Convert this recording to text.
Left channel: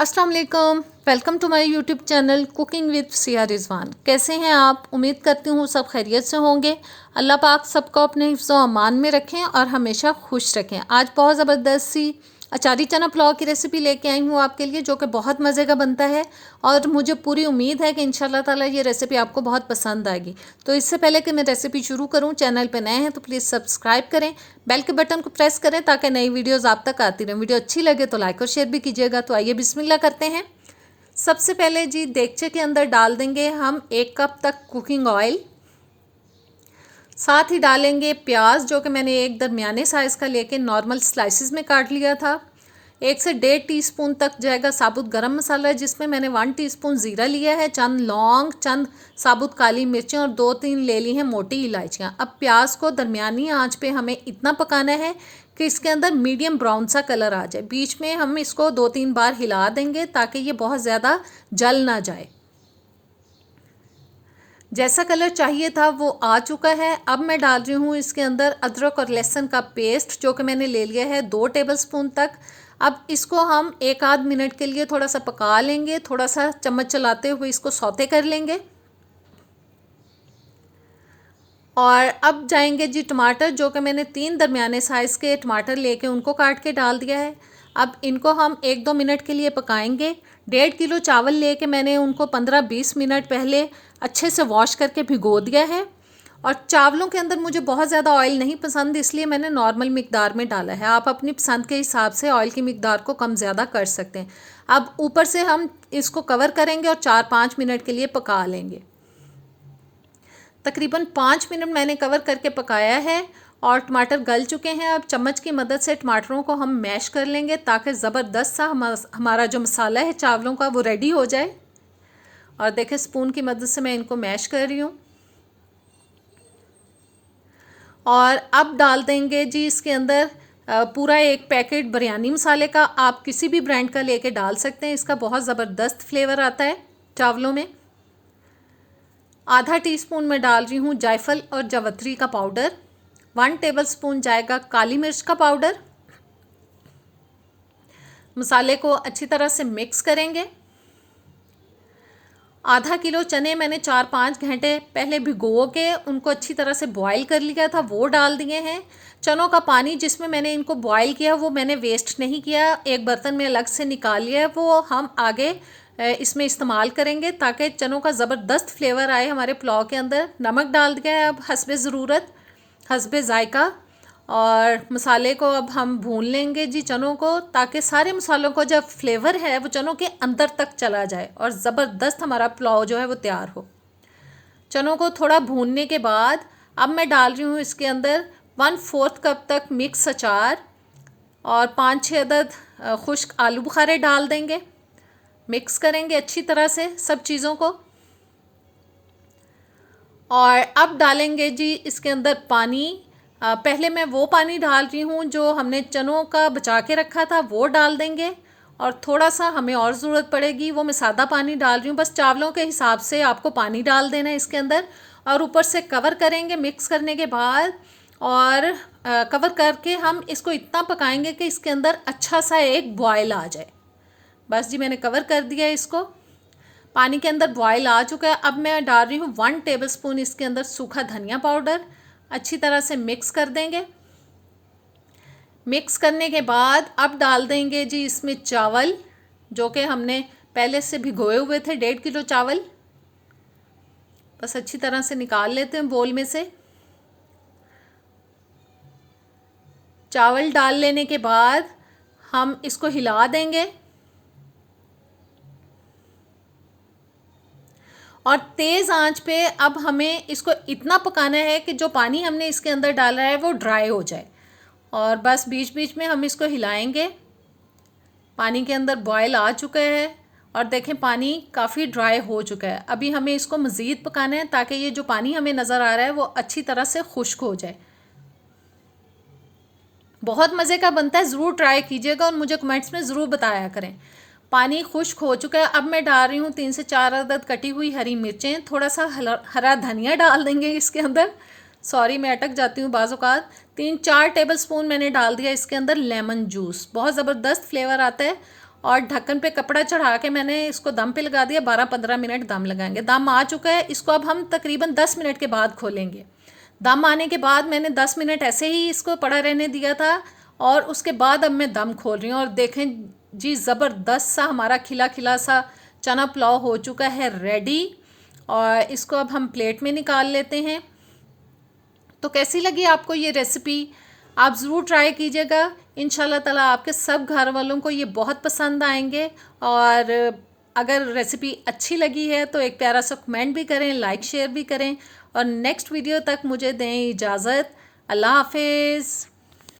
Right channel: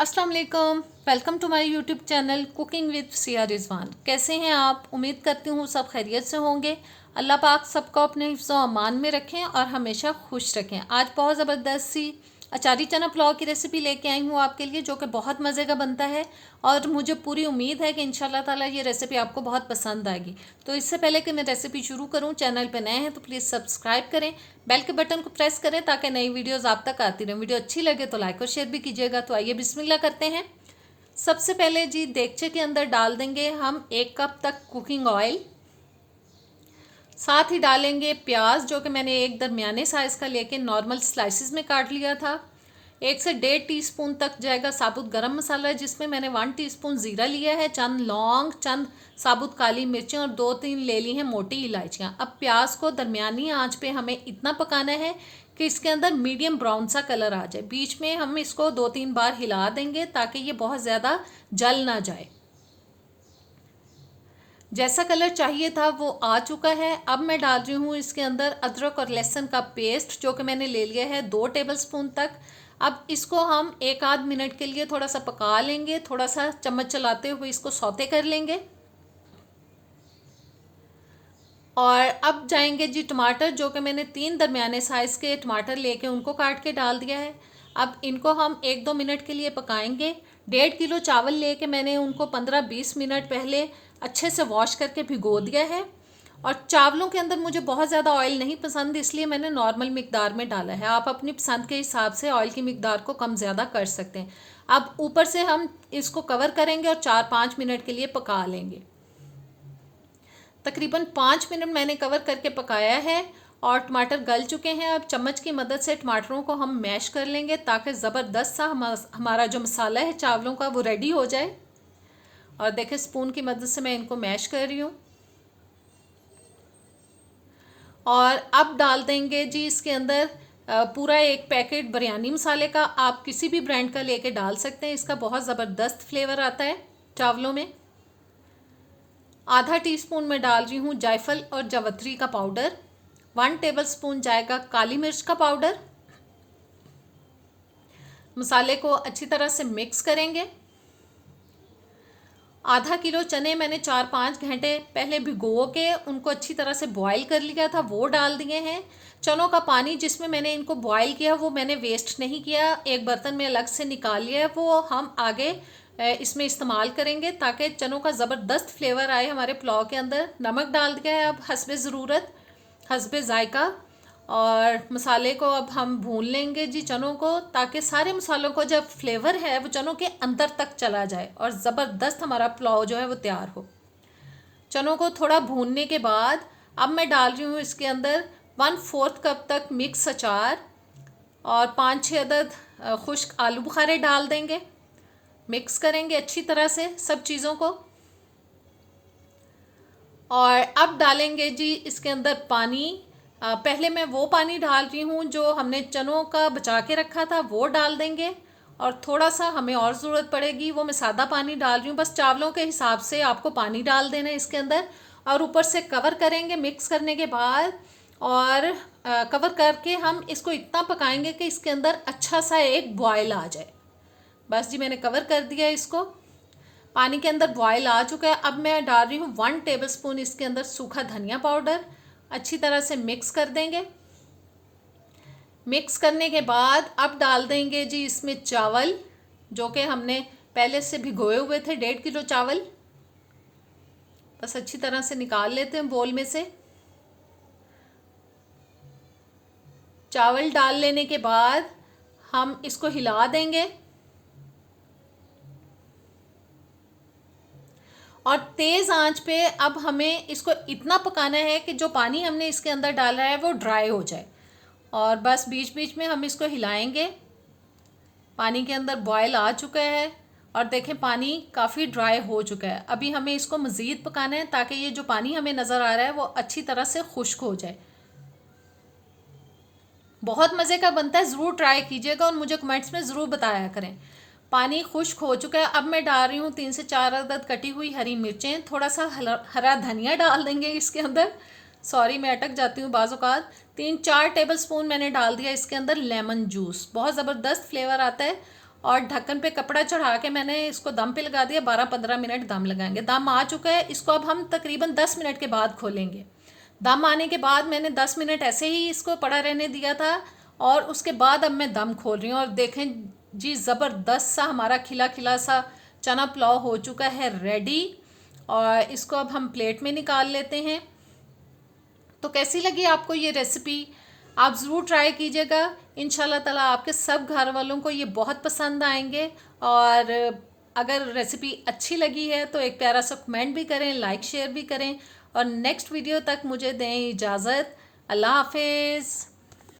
अस्सलाम वालेकुम। Welcome to my YouTube channel cooking with Siya Rizwan. कैसे हैं आप? उम्मीद करती हूँ सब खैरियत से होंगे। अल्लाह पाक सबको अपने हिफ्ज़ व अमान में रखें और हमेशा खुश रखें। आज बहुत ज़बरदस्त सी अचारी चना पुलाव की रेसिपी लेके आई हूँ आपके लिए, जो कि बहुत मज़े का बनता है और मुझे पूरी उम्मीद है कि इंशाल्लाह ताला ये रेसिपी आपको बहुत पसंद आएगी। तो इससे पहले कि मैं रेसिपी शुरू करूँ, चैनल पे नए हैं तो प्लीज़ सब्सक्राइब करें, बेल के बटन को प्रेस करें ताकि नई वीडियोज़ आप तक आती रहें। वीडियो अच्छी लगे तो लाइक और शेयर भी कीजिएगा। तो आइए बिस्मिल्लाह करते हैं। सबसे पहले जी देगचे के अंदर डाल देंगे हम 1 कप तक कुकिंग ऑयल। साथ ही डालेंगे प्याज, जो कि मैंने एक दरमियाने साइज़ का लेके नॉर्मल स्लाइसिस में काट लिया था। 1 से 1.5 टीस्पून तक जाएगा साबुत गरम मसाला, जिसमें मैंने 1 टीस्पून ज़ीरा लिया है, चंद लौंग, चंद साबुत काली मिर्चें और 2-3 ले ली हैं मोटी इलायचियाँ। अब प्याज को दरमियानी आंच पे हमें इतना पकाना है कि इसके अंदर मीडियम ब्राउन सा कलर आ जाए। बीच में हम इसको 2-3 बार हिला देंगे ताकि ये बहुत ज़्यादा जल ना जाए। जैसा कलर चाहिए था वो आ चुका है। अब मैं डाल रही हूँ इसके अंदर अदरक और लहसुन का पेस्ट, जो कि मैंने ले लिया है 2 टेबलस्पून तक। अब इसको हम 1-आध मिनट के लिए थोड़ा सा पका लेंगे, थोड़ा सा चम्मच चलाते हुए इसको सौते कर लेंगे। और अब जाएंगे जी टमाटर, जो कि मैंने 3 दरमियाने साइज़ के टमाटर लेके उनको काट के डाल दिया है। अब इनको हम 1-2 मिनट के लिए पकाएंगे। 1.5 किलो चावल लेके मैंने उनको 15-20 मिनट पहले अच्छे से वॉश करके भिगो दिया है। और चावलों के अंदर मुझे बहुत ज़्यादा ऑयल नहीं पसंद, इसलिए मैंने नॉर्मल मिकदार में डाला है। आप अपनी पसंद के हिसाब से ऑयल की मिकदार को कम ज़्यादा कर सकते हैं। अब ऊपर से हम इसको कवर करेंगे और 4-5 मिनट के लिए पका लेंगे। तकरीबन 5 मिनट मैंने कवर करके पकाया है और टमाटर गल चुके हैं। अब चम्मच की मदद से टमाटरों को हम मैश कर लेंगे ताकि ज़बरदस्त सा हमारा जो मसाला है चावलों का वो रेडी हो जाए। और देखें, स्पून की मदद से मैं इनको मैश कर रही हूँ। और अब डाल देंगे जी इसके अंदर पूरा 1 पैकेट बिरयानी मसाले का। आप किसी भी ब्रांड का लेके डाल सकते हैं, इसका बहुत ज़बरदस्त फ्लेवर आता है चावलों में। आधा टीस्पून में डाल रही हूँ जायफल और जावित्री का पाउडर। 1 टेबलस्पून जाएगा काली मिर्च का पाउडर। मसाले को अच्छी तरह से मिक्स करेंगे। आधा किलो चने मैंने 4-5 घंटे पहले भिगो के उनको अच्छी तरह से बॉईल कर लिया था, वो डाल दिए हैं। चनों का पानी जिसमें मैंने इनको बॉईल किया वो मैंने वेस्ट नहीं किया, एक बर्तन में अलग से निकाल लिया है। वो हम आगे इसमें इस्तेमाल करेंगे ताकि चनों का ज़बरदस्त फ्लेवर आए हमारे पुलाव के अंदर। नमक डाल दिया है अब हस्बे ज़रूरत, हस्बे ज़ायका। और मसाले को अब हम भून लेंगे जी चनों को, ताकि सारे मसालों को जब फ्लेवर है वो चनों के अंदर तक चला जाए और ज़बरदस्त हमारा पुलाव जो है वो तैयार हो। चनों को थोड़ा भूनने के बाद अब मैं डाल रही हूँ इसके अंदर 1/4 कप तक मिक्स अचार और 5-6 अदद खुश्क आलू बुखारे डाल देंगे। मिक्स करेंगे अच्छी तरह से सब चीज़ों को। और अब डालेंगे जी इसके अंदर पानी। पहले मैं वो पानी डाल रही हूँ जो हमने चनों का बचा के रखा था, वो डाल देंगे। और थोड़ा सा हमें और ज़रूरत पड़ेगी, वो मैं सादा पानी डाल रही हूँ। बस चावलों के हिसाब से आपको पानी डाल देना है इसके अंदर। और ऊपर से कवर करेंगे मिक्स करने के बाद। और कवर करके हम इसको इतना पकाएंगे कि इसके अंदर अच्छा सा एक बॉयल आ जाए। बस जी मैंने कवर कर दिया इसको। पानी के अंदर बॉयल आ चुका है। अब मैं डाल रही हूँ 1 टेबलस्पून इसके अंदर सूखा धनिया पाउडर। अच्छी तरह से मिक्स कर देंगे। मिक्स करने के बाद अब डाल देंगे जी इसमें चावल, जो कि हमने पहले से भिगोए हुए थे, 1.5 किलो चावल। बस अच्छी तरह से निकाल लेते हैं बोल में से। चावल डाल लेने के बाद हम इसको हिला देंगे और तेज़ आंच पे अब हमें इसको इतना पकाना है कि जो पानी हमने इसके अंदर डाला है वो ड्राई हो जाए। और बस बीच बीच में हम इसको हिलाएंगे। पानी के अंदर बॉयल आ चुका है और देखें पानी काफ़ी ड्राई हो चुका है। अभी हमें इसको मज़ीद पकाना है ताकि ये जो पानी हमें नज़र आ रहा है वो अच्छी तरह से खुश्क हो जाए। बहुत मज़े का बनता है, ज़रूर ट्राई कीजिएगा और मुझे कमेंट्स में ज़रूर बताया करें। पानी खुश्क हो चुका है। अब मैं डाल रही हूँ 3 से 4 अदद कटी हुई हरी मिर्चें। थोड़ा सा हरा धनिया डाल देंगे इसके अंदर। सॉरी, मैं अटक जाती हूँ बाज़ औक़ात। 3-4 टेबलस्पून मैंने डाल दिया इसके अंदर लेमन जूस, बहुत ज़बरदस्त फ्लेवर आता है। और ढक्कन पे कपड़ा चढ़ा के मैंने इसको दम पे लगा दिया। 12-15 मिनट दम लगाएंगे। दम आ चुका है, इसको अब हम तकरीबन 10 मिनट के बाद खोलेंगे। दम आने के बाद मैंने 10 मिनट ऐसे ही इसको पड़ा रहने दिया था और उसके बाद अब मैं दम खोल रही हूँ। और देखें जी, ज़बरदस्त सा हमारा खिला खिला सा चना पुलाव हो चुका है रेडी। और इसको अब हम प्लेट में निकाल लेते हैं। तो कैसी लगी आपको ये रेसिपी? आप ज़रूर ट्राई कीजिएगा। इंशाल्लाह ताला आपके सब घर वालों को ये बहुत पसंद आएंगे। और अगर रेसिपी अच्छी लगी है तो एक प्यारा सा कमेंट भी करें, लाइक शेयर भी करें। और नेक्स्ट वीडियो तक मुझे दें इजाज़त। अल्लाह हाफिज़।